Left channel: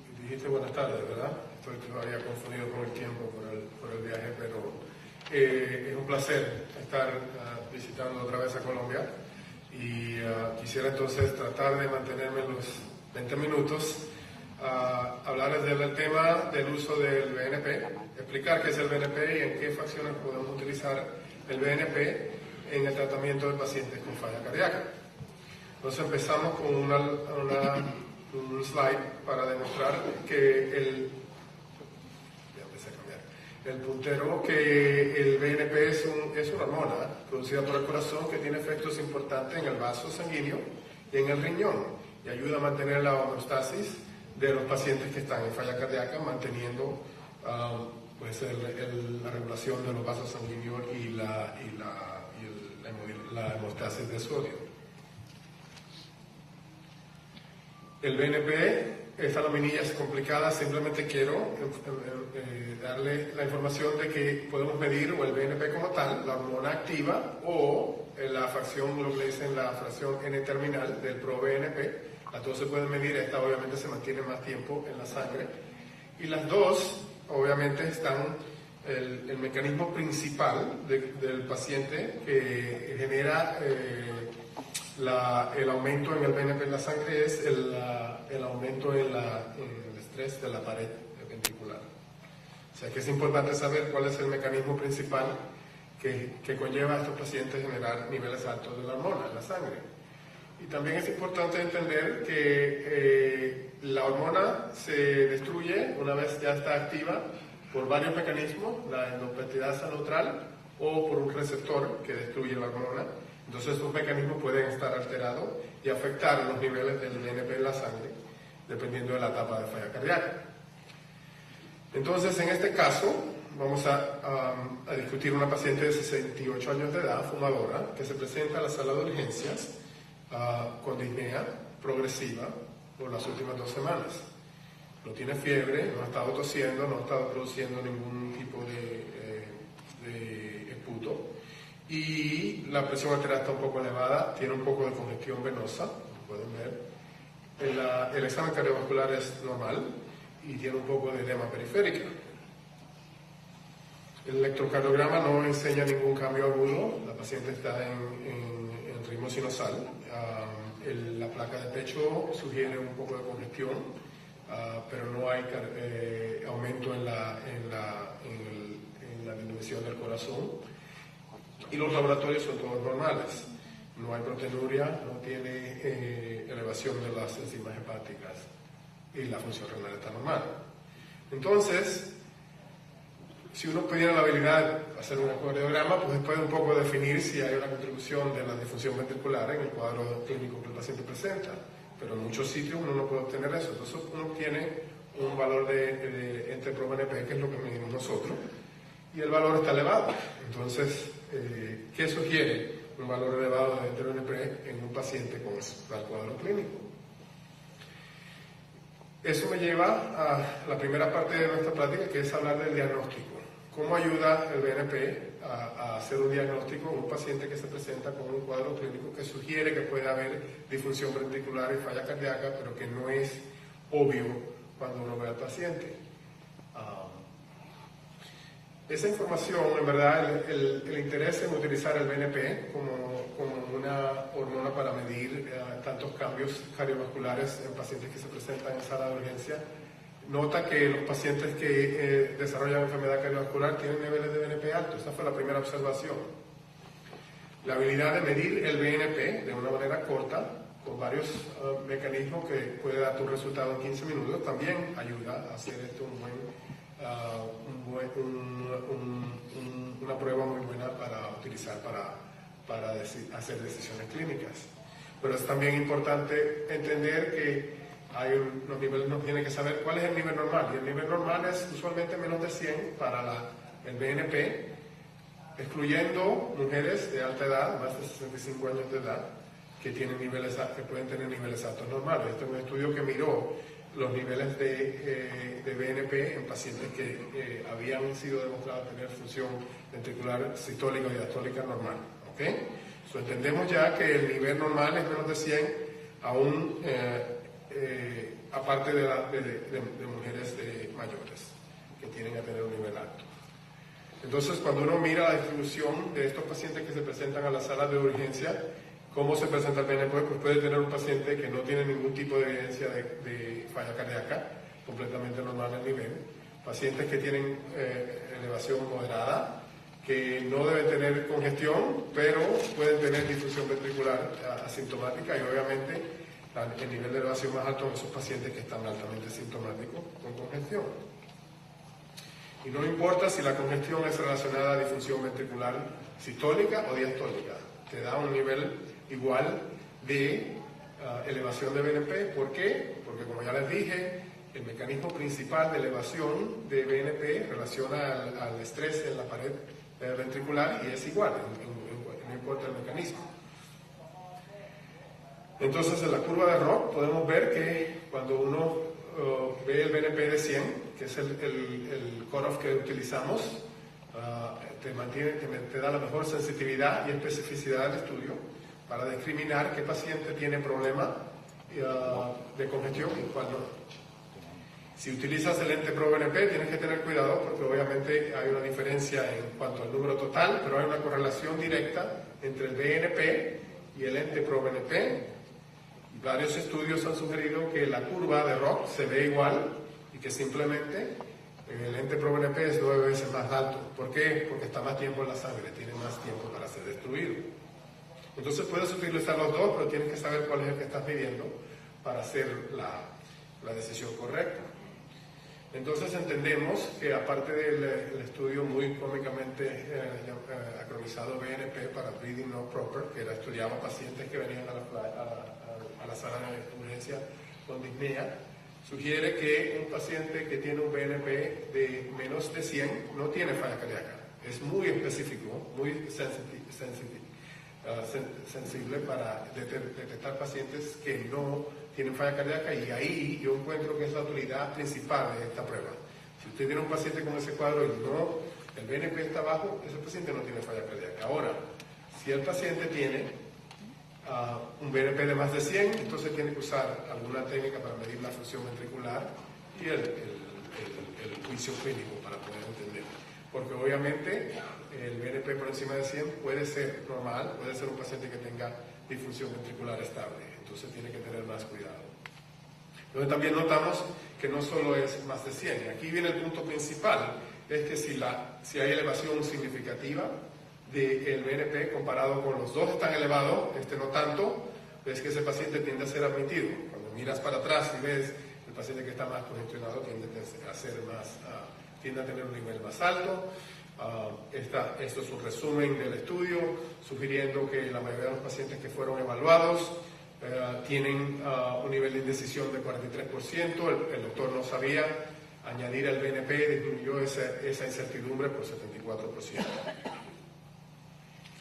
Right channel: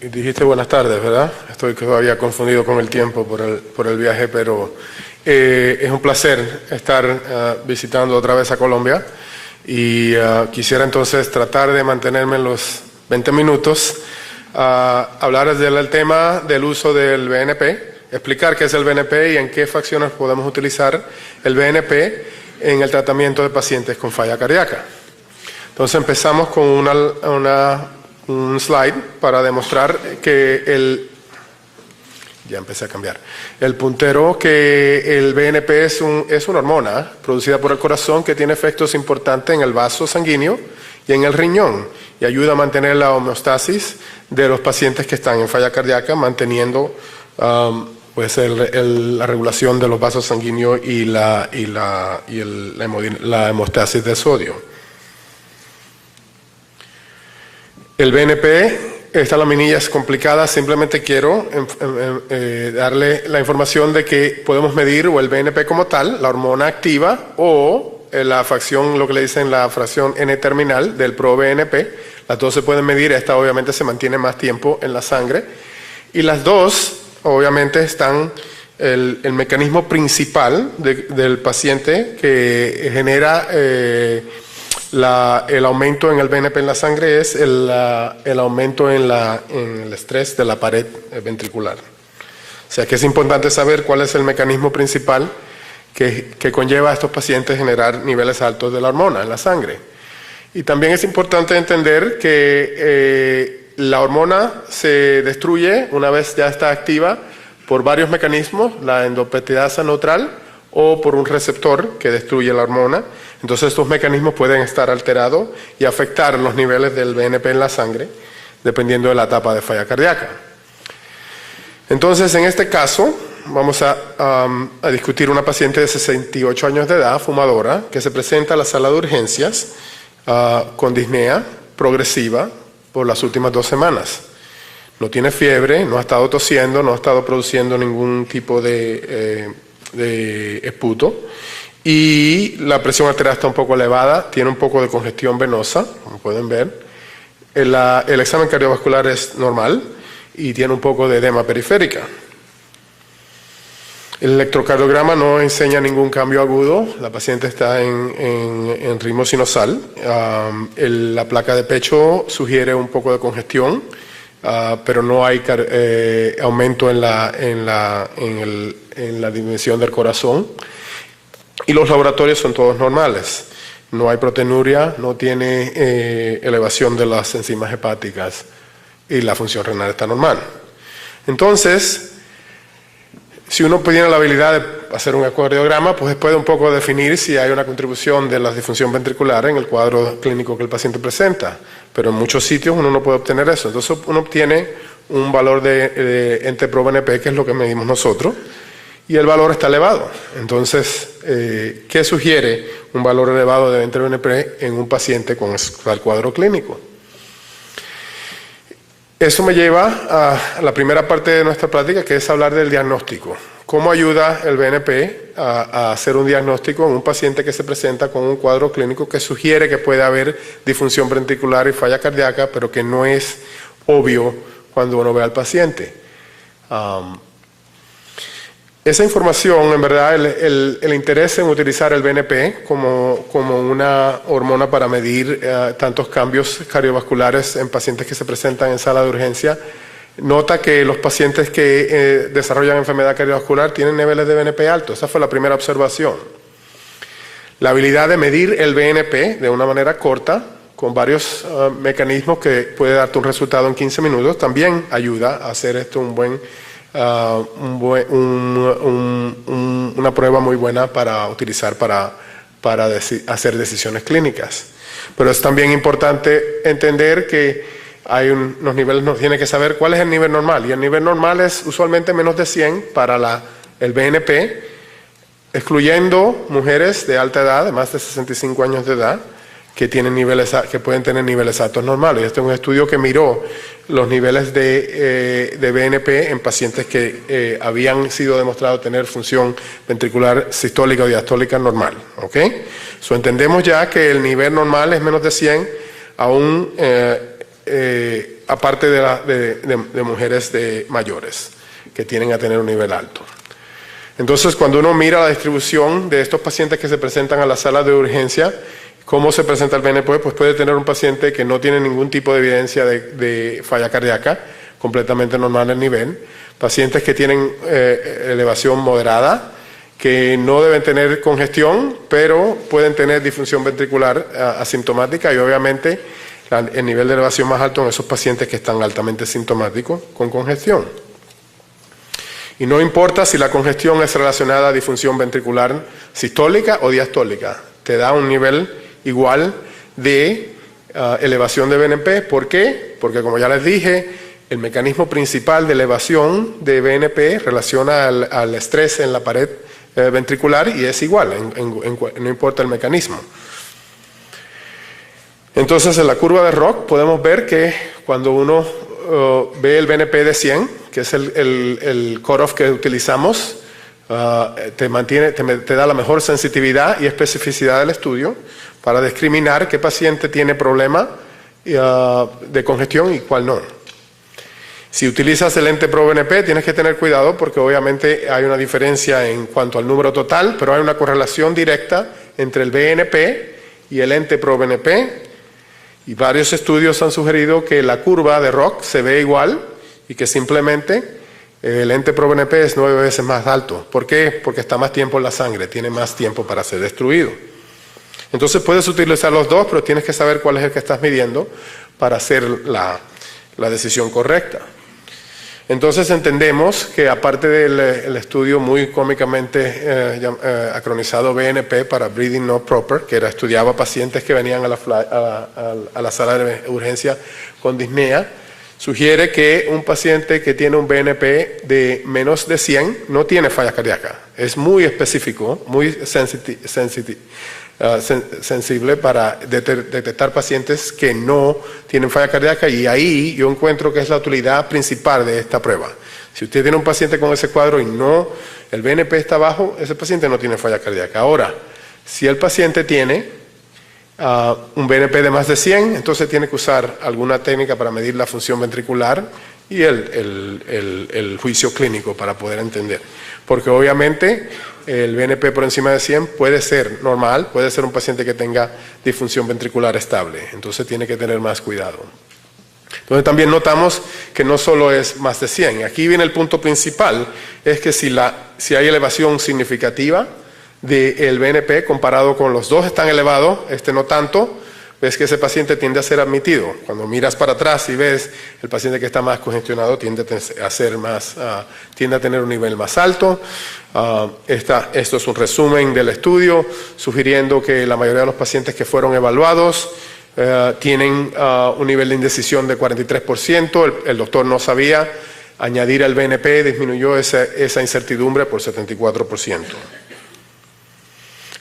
Dijiste buenas tardes, ¿verdad? Estoy todavía confundido con el tiempo por el viaje, pero es un placer estar visitando otra vez a Colombia y quisiera entonces tratar de mantenerme en los 20 minutos, hablar del tema del uso del BNP, explicar qué es el BNP y en qué fracciones podemos utilizar el BNP en el tratamiento de pacientes con falla cardíaca. Entonces empezamos con un slide para demostrar que ya empecé a cambiar. El puntero, que el BNP es una hormona producida por el corazón que tiene efectos importantes en el vaso sanguíneo y en el riñón y ayuda a mantener la homeostasis de los pacientes que están en falla cardíaca, manteniendo la regulación de los vasos sanguíneos y la hemostasis de sodio. El BNP, esta laminilla es complicada, simplemente quiero darle la información de que podemos medir o el BNP como tal, la hormona activa, o la fracción, lo que le dicen la fracción N-terminal del ProBNP. Las dos se pueden medir, esta obviamente se mantiene más tiempo en la sangre. Y las dos, obviamente, están, el mecanismo principal del paciente que genera el aumento en el BNP en la sangre es el aumento en el estrés de la pared ventricular. O sea que es importante saber cuál es el mecanismo principal que conlleva a estos pacientes generar niveles altos de la hormona en la sangre. Y también es importante entender que la hormona se destruye una vez ya está activa por varios mecanismos, la endopeptidasa neutral o por un receptor que destruye la hormona. Entonces estos mecanismos pueden estar alterados y afectar los niveles del BNP en la sangre, dependiendo de la etapa de falla cardíaca. Entonces, en este caso, vamos a discutir una paciente de 68 años de edad, fumadora, que se presenta a la sala de urgencias con disnea progresiva por las últimas 2 semanas. No tiene fiebre, no ha estado tosiendo, no ha estado produciendo ningún tipo de esputo. Y la presión arterial está un poco elevada, tiene un poco de congestión venosa, como pueden ver. El examen cardiovascular es normal y tiene un poco de edema periférica. El electrocardiograma no enseña ningún cambio agudo, la paciente está en ritmo sinusal. La placa de pecho sugiere un poco de congestión, pero no hay aumento en la dimensión del corazón. Y los laboratorios son todos normales. No hay proteinuria, no tiene elevación de las enzimas hepáticas y la función renal está normal. Entonces, si uno tiene la habilidad de hacer un ecocardiograma, pues puede un poco definir si hay una contribución de la disfunción ventricular en el cuadro clínico que el paciente presenta. Pero en muchos sitios uno no puede obtener eso. Entonces uno obtiene un valor de NT-proBNP, que es lo que medimos nosotros, y el valor está elevado. Entonces, ¿qué sugiere un valor elevado de NT-proBNP en un paciente con el cuadro clínico? Eso me lleva a la primera parte de nuestra práctica, que es hablar del diagnóstico. ¿Cómo ayuda el BNP a hacer un diagnóstico en un paciente que se presenta con un cuadro clínico que sugiere que puede haber disfunción ventricular y falla cardíaca, pero que no es obvio cuando uno ve al paciente? Esa información, en verdad, el interés en utilizar el BNP como una hormona para medir tantos cambios cardiovasculares en pacientes que se presentan en sala de urgencia, nota que los pacientes que desarrollan enfermedad cardiovascular tienen niveles de BNP altos. Esa fue la primera observación. La habilidad de medir el BNP de una manera corta, con varios mecanismos que puede darte un resultado en 15 minutos, también ayuda a hacer esto una prueba muy buena para utilizar para hacer decisiones clínicas. Pero es también importante entender que hay unos niveles, nos tiene que saber cuál es el nivel normal, y el nivel normal es usualmente menos de 100 para el BNP, excluyendo mujeres de alta edad, de más de 65 años de edad, que pueden tener niveles altos normales. Este es un estudio que miró los niveles de BNP en pacientes que habían sido demostrados tener función ventricular sistólica o diastólica normal. ¿Okay? Entendemos ya que el nivel normal es menos de 100, aún aparte de mujeres mayores que tienden a tener un nivel alto. Entonces, cuando uno mira la distribución de estos pacientes que se presentan a la sala de urgencia, cómo se presenta el BNP, pues puede tener un paciente que no tiene ningún tipo de evidencia de falla cardíaca, completamente normal el nivel, pacientes que tienen elevación moderada, que no deben tener congestión, pero pueden tener disfunción ventricular asintomática y obviamente el nivel de elevación más alto en esos pacientes que están altamente sintomáticos con congestión. Y no importa si la congestión es relacionada a disfunción ventricular sistólica o diastólica, te da un nivel igual de elevación de BNP. ¿Por qué? Porque como ya les dije, el mecanismo principal de elevación de BNP relaciona al estrés en la pared ventricular y es igual, no importa el mecanismo. Entonces en la curva de Rock podemos ver que cuando uno ve el BNP de 100, que es el cutoff que utilizamos, te da la mejor sensitividad y especificidad del estudio para discriminar qué paciente tiene problema de congestión y cuál no. Si utilizas el ente ProBNP tienes que tener cuidado porque obviamente hay una diferencia en cuanto al número total, pero hay una correlación directa entre el BNP y el ente ProBNP y varios estudios han sugerido que la curva de Rock se ve igual y que simplemente el ente ProBNP es 9 veces más alto. ¿Por qué? Porque está más tiempo en la sangre, tiene más tiempo para ser destruido. Entonces puedes utilizar los dos, pero tienes que saber cuál es el que estás midiendo para hacer la decisión correcta. Entonces entendemos que aparte del estudio muy cómicamente acronizado BNP para Breathing Not Proper, que estudiaba pacientes que venían a la sala de urgencia con disnea, sugiere que un paciente que tiene un BNP de menos de 100 no tiene falla cardíaca. Es muy específico, muy sensible para detectar pacientes que no tienen falla cardíaca y ahí yo encuentro que es la utilidad principal de esta prueba. Si usted tiene un paciente con ese cuadro y no, el BNP está bajo, ese paciente no tiene falla cardíaca. Ahora, si el paciente tiene un BNP de más de 100, entonces tiene que usar alguna técnica para medir la función ventricular y el juicio clínico para poder entender. Porque obviamente el BNP por encima de 100 puede ser normal, puede ser un paciente que tenga disfunción ventricular estable, entonces tiene que tener más cuidado. Entonces también notamos que no solo es más de 100, aquí viene el punto principal, es que si hay elevación significativa del BNP comparado con los dos están elevados, no tanto, ves que ese paciente tiende a ser admitido. Cuando miras para atrás y ves el paciente que está más congestionado tiende a tener un nivel más alto. Esto es un resumen del estudio, sugiriendo que la mayoría de los pacientes que fueron evaluados tienen un nivel de indecisión de 43%. El doctor no sabía, añadir el BNP disminuyó esa incertidumbre por 74%.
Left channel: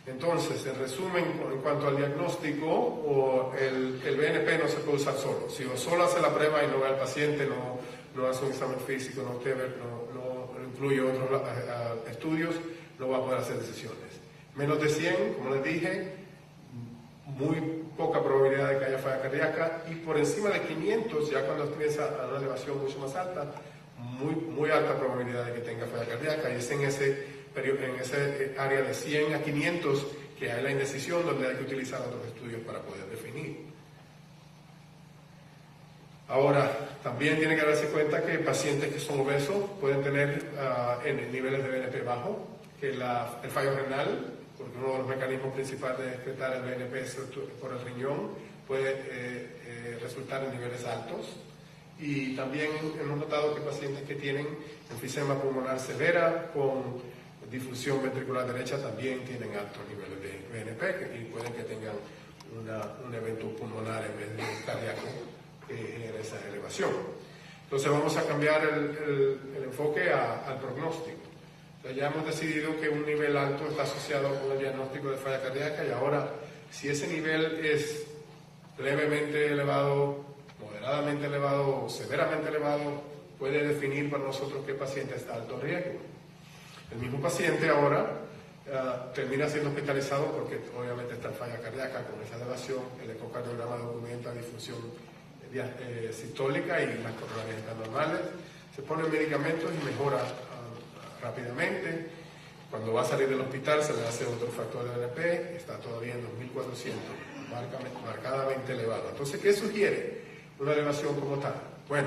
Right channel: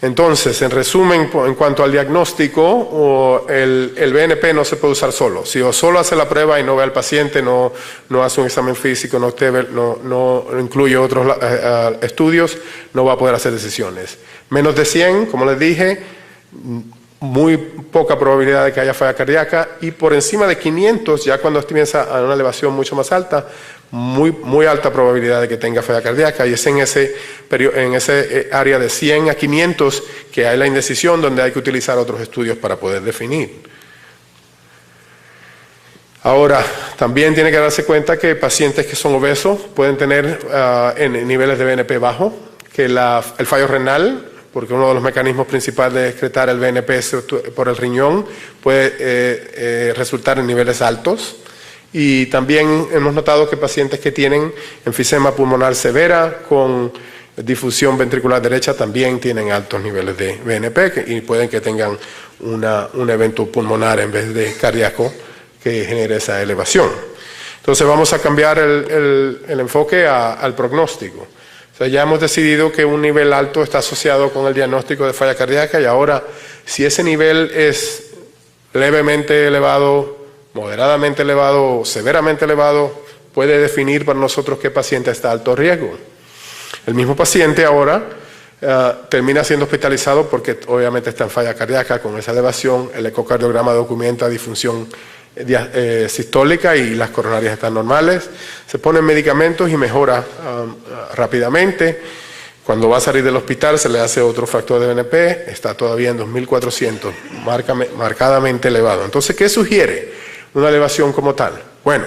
Entonces, en resumen, en cuanto al diagnóstico, el BNP no se puede usar solo. Si solo hace la prueba y no ve al paciente, no hace un examen físico, no incluye otros estudios, no va a poder hacer decisiones. Menos de 100, como les dije, muy poca probabilidad de que haya falla cardíaca, y por encima de 500, ya cuando comienza a una elevación mucho más alta, muy alta probabilidad de que tenga falla cardíaca, y es en ese área de 100 a 500 que hay la indecisión, donde hay que utilizar otros estudios para poder definir. Ahora, también tiene que darse cuenta que pacientes que son obesos pueden tener en niveles de BNP bajo, que el fallo renal, porque uno de los mecanismos principales de excretar el BNP por el riñón, puede resultar en niveles altos. Y también hemos notado que pacientes que tienen enfisema pulmonar severa con difusión ventricular derecha también tienen altos niveles de BNP y pueden que tengan un evento pulmonar en vez de cardíaco que genere esa elevación. Entonces vamos a cambiar el enfoque al pronóstico. O sea, ya hemos decidido que un nivel alto está asociado con el diagnóstico de falla cardíaca, y ahora si ese nivel es levemente elevado, moderadamente elevado o severamente elevado, puede definir para nosotros qué paciente está a alto riesgo. El mismo paciente ahora termina siendo hospitalizado porque obviamente está en falla cardíaca con esa elevación. El ecocardiograma documenta disfunción sistólica y las coronarias están normales. Se ponen medicamentos y mejora rápidamente. Cuando va a salir del hospital se le hace otro factor de BNP, está todavía en 2400, marcadamente elevado. Entonces, ¿qué sugiere una elevación como tal? Bueno,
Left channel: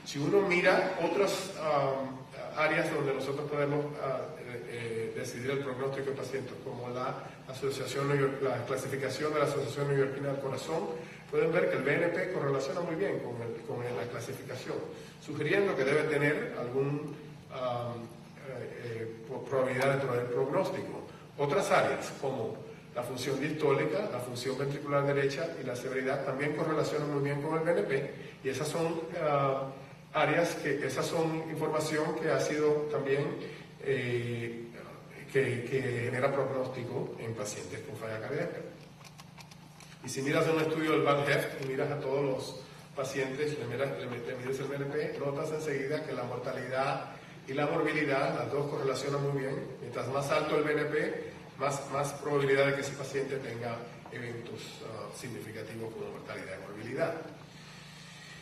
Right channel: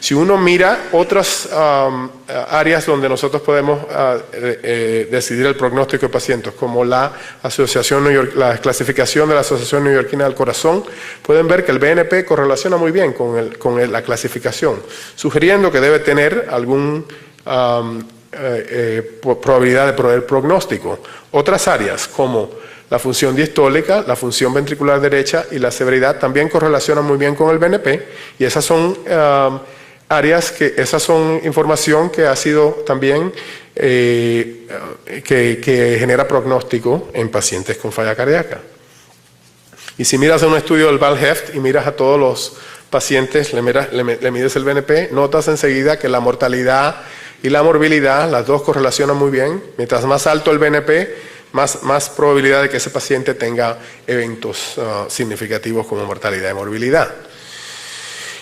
si uno mira otras áreas donde nosotros podemos decidir el pronóstico de pacientes, como la clasificación de la Asociación Neoyorquina del Corazón, pueden ver que el BNP correlaciona muy bien con la clasificación, sugiriendo que debe tener algún probabilidad de proveer pronóstico. Otras áreas como la función diastólica, la función ventricular derecha y la severidad también correlacionan muy bien con el BNP, y esas son esas son información que ha sido también que genera pronóstico en pacientes con falla cardíaca. Y si miras un estudio del Val-Heft y miras a todos los pacientes, le mides el BNP, notas enseguida que la mortalidad y la morbilidad, las dos correlacionan muy bien. Mientras más alto el BNP, más probabilidad de que ese paciente tenga eventos significativos como mortalidad y morbilidad.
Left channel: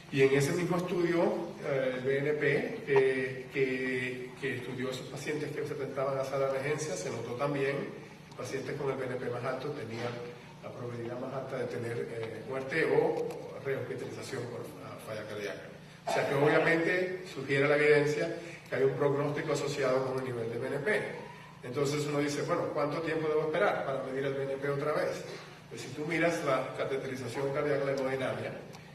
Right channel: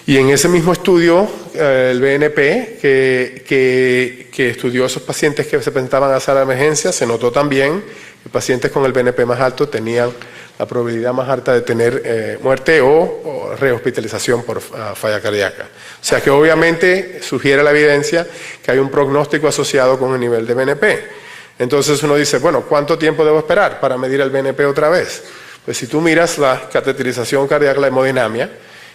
Y en ese mismo estudio, el BNP, que estudió a esos pacientes que se presentaban a sala de emergencia, se notó también que pacientes con el BNP más alto tenían la probabilidad más alta de tener muerte o rehospitalización por falla cardíaca. O sea que obviamente sugiere la evidencia que hay un pronóstico asociado con el nivel de BNP. Entonces uno dice, bueno, ¿cuánto tiempo debo esperar para medir el BNP otra vez? Pues si tú miras la cateterización cardíaca, la hemodinamia,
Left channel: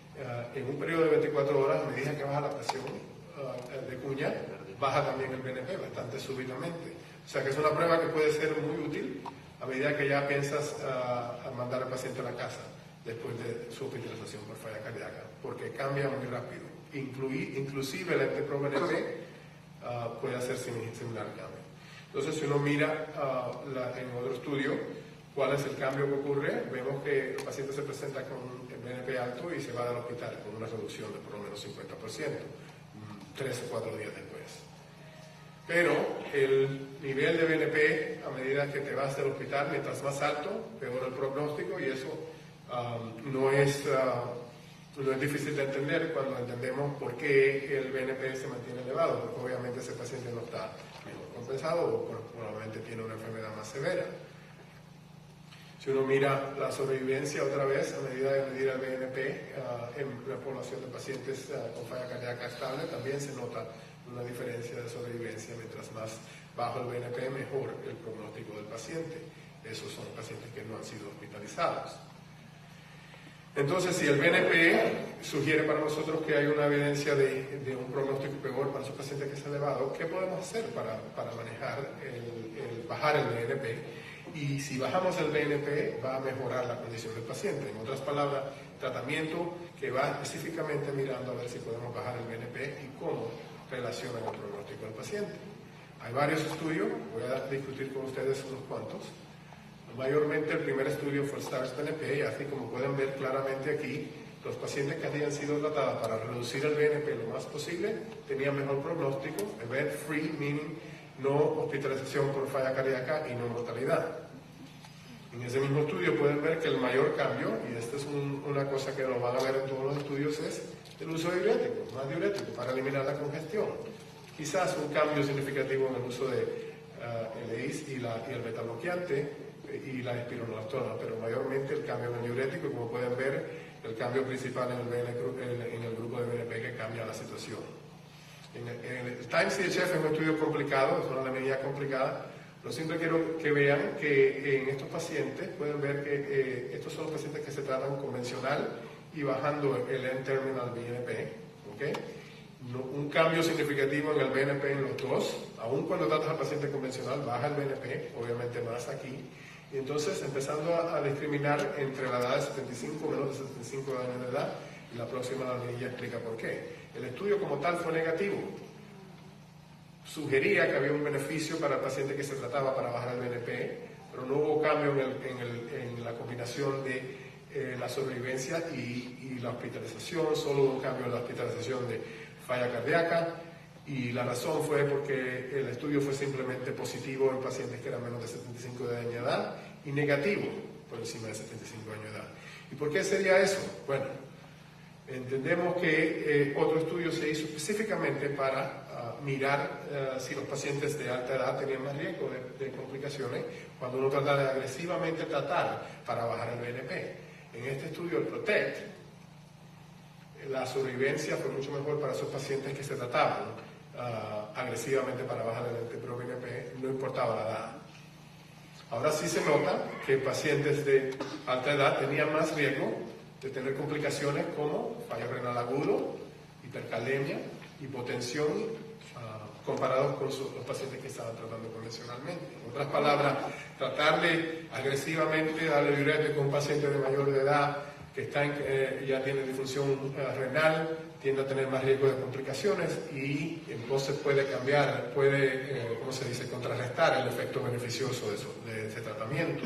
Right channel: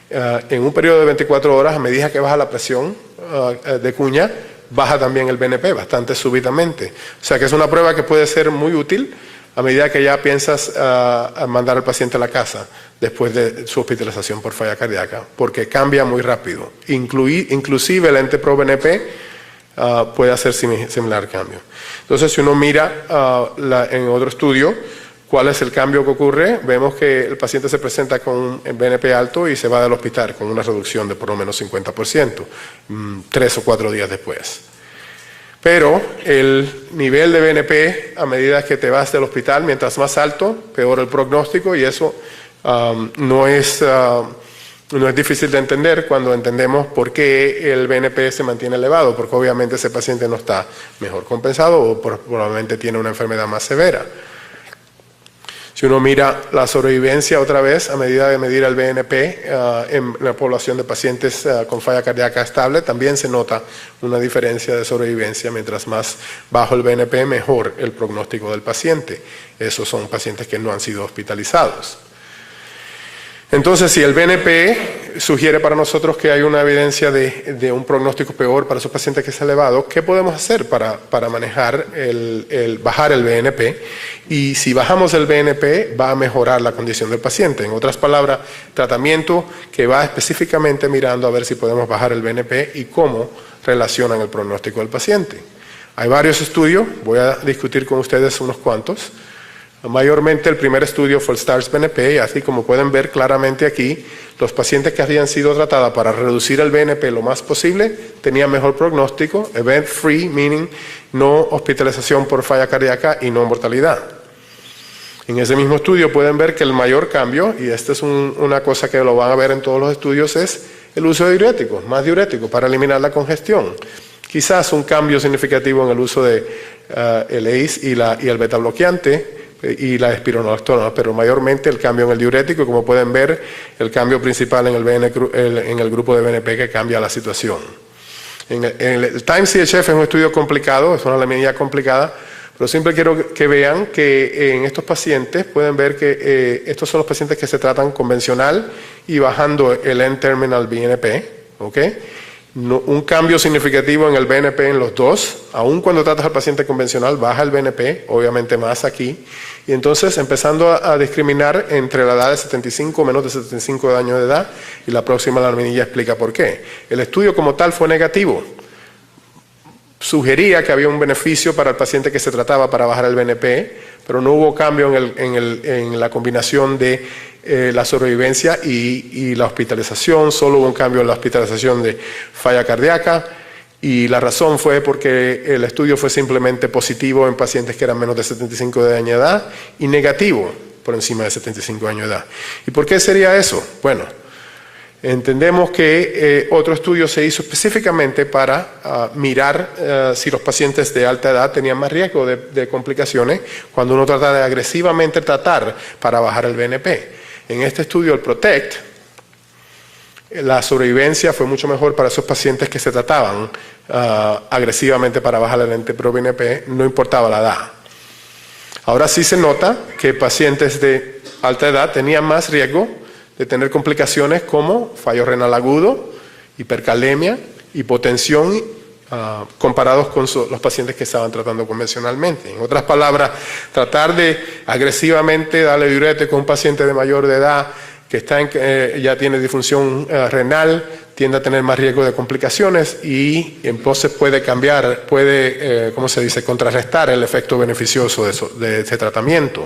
en un periodo de 24 horas, a medida que baja la presión de cuña, baja también el BNP bastante súbitamente. O sea que es una prueba que puede ser muy útil a medida que ya piensas a mandar al paciente a la casa después de su hospitalización por falla cardíaca, porque cambia muy rápido. Inclusive el NT-proBNP puede hacer similar cambio. Entonces, si uno mira en otro estudio cuál es el cambio que ocurre, vemos que el paciente se presenta con un BNP alto y se va del hospital con una reducción de por lo menos 50%, 3 o 4 días después. Pero el nivel de BNP, a medida que te vas del hospital, mientras más alto, peor el pronóstico, y eso no es difícil de entender cuando entendemos por qué el BNP se mantiene elevado, porque obviamente ese paciente no está mejor compensado o probablemente tiene una enfermedad más severa. Si uno mira la sobrevivencia otra vez, a medida de medir el BNP en la población de pacientes con falla cardíaca estable, también se nota una diferencia de sobrevivencia. Mientras más bajo el BNP, mejor el pronóstico del paciente. Esos son pacientes que no han sido hospitalizados. Entonces, si el BNP sugiere para nosotros que hay una evidencia de un pronóstico peor para esos pacientes que es elevado, ¿qué podemos hacer para manejar bajar el BNP? Y si bajamos el BNP, va a mejorar la condición del paciente. En otras palabras, tratamiento que va específicamente mirando a ver si podemos bajar el BNP y cómo relacionan el pronóstico del paciente. Hay varios estudios, voy a discutir con ustedes unos cuantos. Mayormente el primer estudio fue el STARS-BNP, y así como pueden ver claramente aquí, los pacientes que habían sido tratados para reducir el BNP lo más posible tenían mejor pronóstico, event-free, meaning no hospitalización por falla cardíaca y no mortalidad. En ese mismo estudio pueden ver que el mayor cambio, y esta es una cosa que lo van a ver en todos los estudios, es el uso de diuréticos, más diuréticos para eliminar la congestión. Quizás un cambio significativo en el uso de el ACE y el beta bloqueante, y la espironolactona, pero mayormente el cambio en el diurético, como pueden ver, el cambio principal en el grupo de BNP que cambia la situación. El Time-CHF es un estudio complicado, es una alemanía complicada, pero siempre quiero que vean que en estos pacientes pueden ver que estos son los pacientes que se tratan convencional y bajando el N-terminal BNP, ¿ok? Un cambio significativo en el BNP en los dos, aun cuando tratas al paciente convencional, baja el BNP, obviamente más aquí, y entonces empezando a discriminar entre la edad de 75 o menos de 75 años de edad, y la próxima laminilla explica por qué. El estudio como tal fue negativo, sugería que había un beneficio para el paciente que se trataba para bajar el BNP, pero no hubo cambio en la combinación de la sobrevivencia y la hospitalización, solo hubo un cambio en la hospitalización de falla cardíaca, y la razón fue porque el estudio fue simplemente positivo en pacientes que eran menos de 75 años de edad y negativo por encima de 75 años de edad. ¿Y por qué sería eso? Bueno, Entendemos que otro estudio se hizo específicamente para mirar si los pacientes de alta edad tenían más riesgo de complicaciones cuando uno trata de agresivamente tratar para bajar el BNP. En este estudio, el PROTECT, la sobrevivencia fue mucho mejor para esos pacientes que se trataban agresivamente para bajar el NT-proBNP, no importaba la edad. Ahora sí se nota que pacientes de alta edad tenían más riesgo de tener complicaciones como fallo renal agudo, hipercalemia, hipotensión, comparados con los pacientes que estaban tratando convencionalmente. En otras palabras, tratar de agresivamente darle diurético a un paciente de mayor de edad que ya tiene disfunción renal, tiende a tener más riesgo de complicaciones y entonces puede cambiar, ¿cómo se dice?, contrarrestar el efecto beneficioso de ese tratamiento.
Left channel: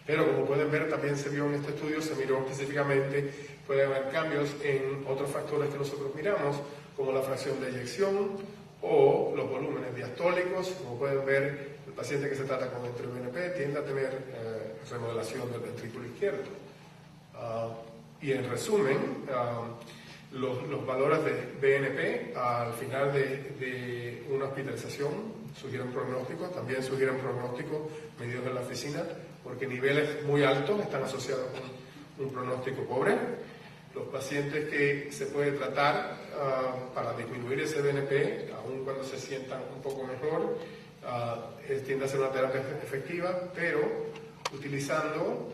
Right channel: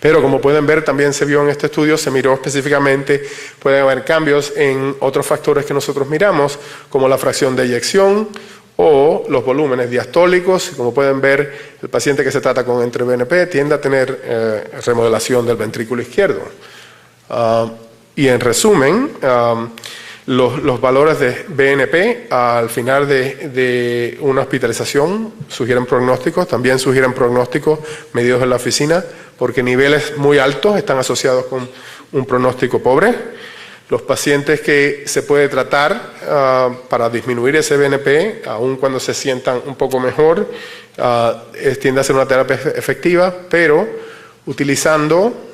Pero como pueden ver, también se vio en este estudio, se miró específicamente, pueden haber cambios en otros factores que nosotros miramos, como la fracción de eyección o los volúmenes diastólicos. Como pueden ver, el paciente que se trata con NT-proBNP tiende a tener remodelación del ventrículo izquierdo. Y en resumen, los valores de BNP al final de una hospitalización sugieren pronósticos, también sugieren pronósticos medidos en la oficina, porque niveles muy altos están asociados con un pronóstico pobre. Los pacientes que se puede tratar para disminuir ese BNP, aun cuando se sientan un poco mejor, tiende a ser una terapia efectiva, pero utilizando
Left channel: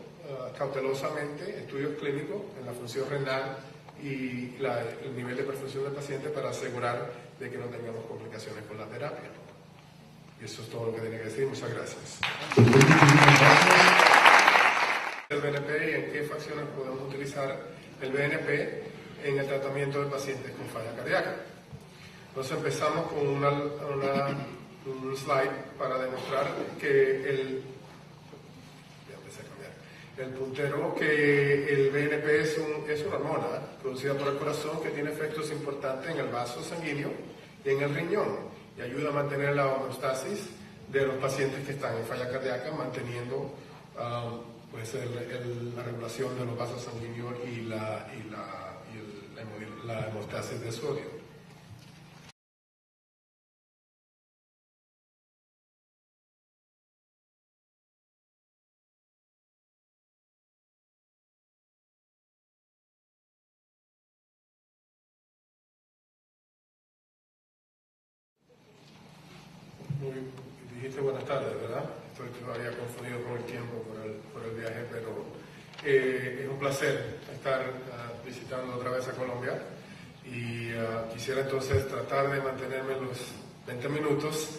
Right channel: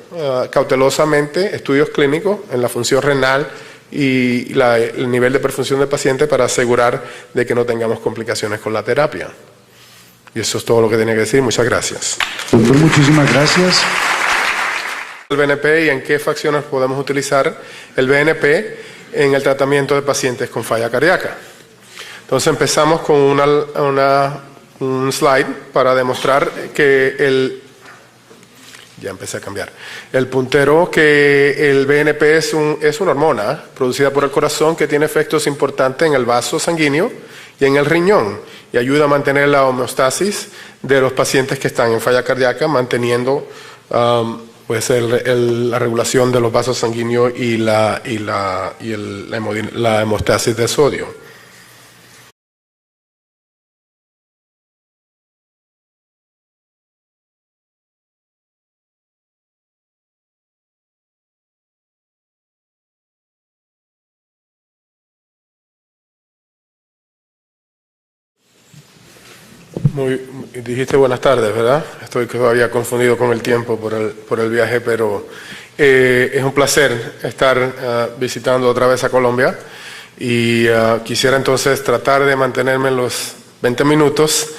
cautelosamente estudios clínicos en la función renal y el nivel de perfusión del paciente para asegurar de que no tengamos complicaciones con la terapia. Y eso es todo lo que tenía que decir. Muchas gracias. Doctor, muchísimas gracias. El BNP y en qué fracciones podemos utilizar el BNP en el tratamiento de pacientes con falla cardíaca. Entonces empezamos con un slide para demostrar que ya empecé a cambiar. El puntero, que el BNP es una hormona producida por el corazón que tiene efectos importantes en el vaso sanguíneo y en el riñón y ayuda a mantener la homeostasis de los pacientes que están en falla cardíaca, manteniendo la regulación de los vasos sanguíneos y la hemostasis de sodio. Dijiste buenas tardes, ¿verdad? Estoy todavía confundido con el tiempo por el viaje, pero es un placer estar visitando otra vez a Colombia y quisiera entonces tratar de mantenerme en los 20 minutos,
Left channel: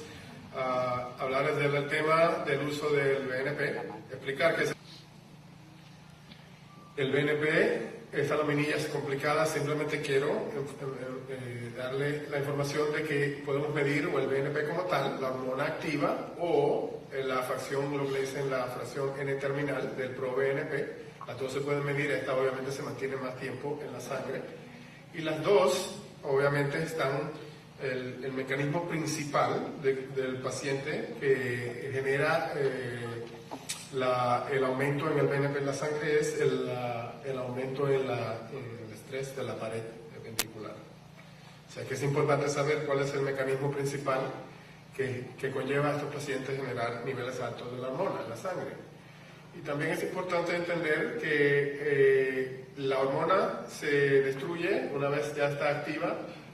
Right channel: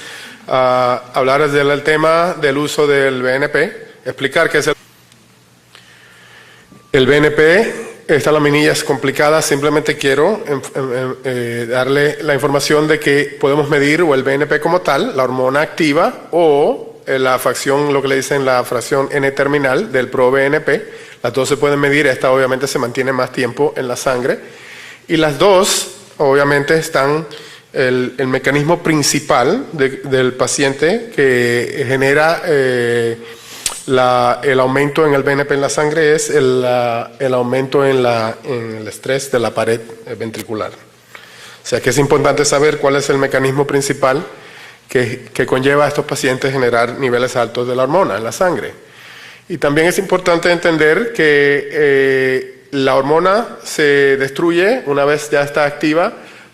hablar del tema del uso del BNP, explicar qué es el BNP. Esta laminilla es complicada, simplemente quiero darle la información de que podemos medir o el BNP como tal, la hormona activa, o la fracción, lo que le dicen la fracción N-terminal del proBNP. Las dos se pueden medir, esta obviamente se mantiene más tiempo en la sangre. Y las dos, obviamente, están el mecanismo principal del paciente que genera el aumento en el BNP en la sangre es el aumento en el estrés de la pared ventricular. O sea que es importante saber cuál es el mecanismo principal que conlleva a estos pacientes generar niveles altos de la hormona en la sangre. Y también es importante entender que la hormona se destruye una vez ya está activa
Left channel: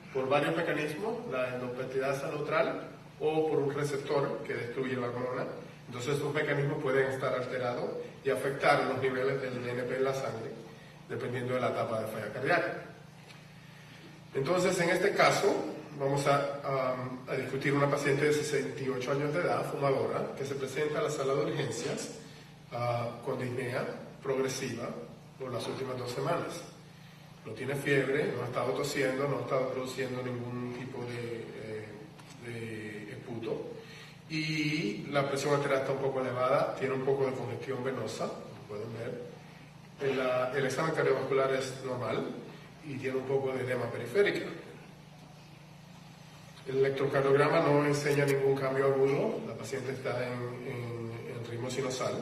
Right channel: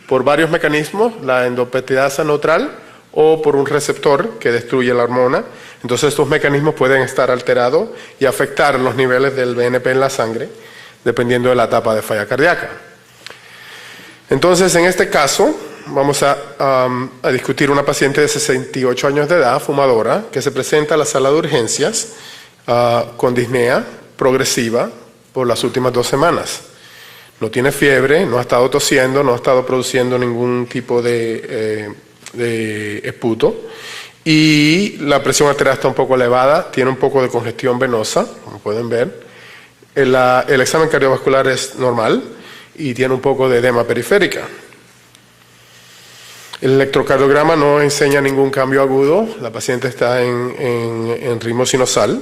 por varios mecanismos, la endopeptidasa neutral o por un receptor que destruye la hormona. Entonces estos mecanismos pueden estar alterados y afectar los niveles del BNP en la sangre, dependiendo de la etapa de falla cardíaca. Entonces, en este caso, vamos a discutir una paciente de 68 años de edad, fumadora, que se presenta a la sala de urgencias con disnea progresiva por las últimas 2 semanas. No tiene fiebre, no ha estado tosiendo, no ha estado produciendo ningún tipo de esputo. Y la presión arterial está un poco elevada, tiene un poco de congestión venosa, como pueden ver. El examen cardiovascular es normal y tiene un poco de edema periférica. El electrocardiograma no enseña ningún cambio agudo, la paciente está en ritmo sinusal.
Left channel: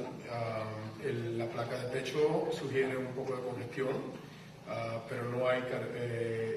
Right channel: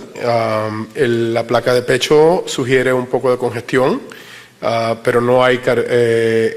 La placa de pecho sugiere un poco de congestión, pero no hay aumento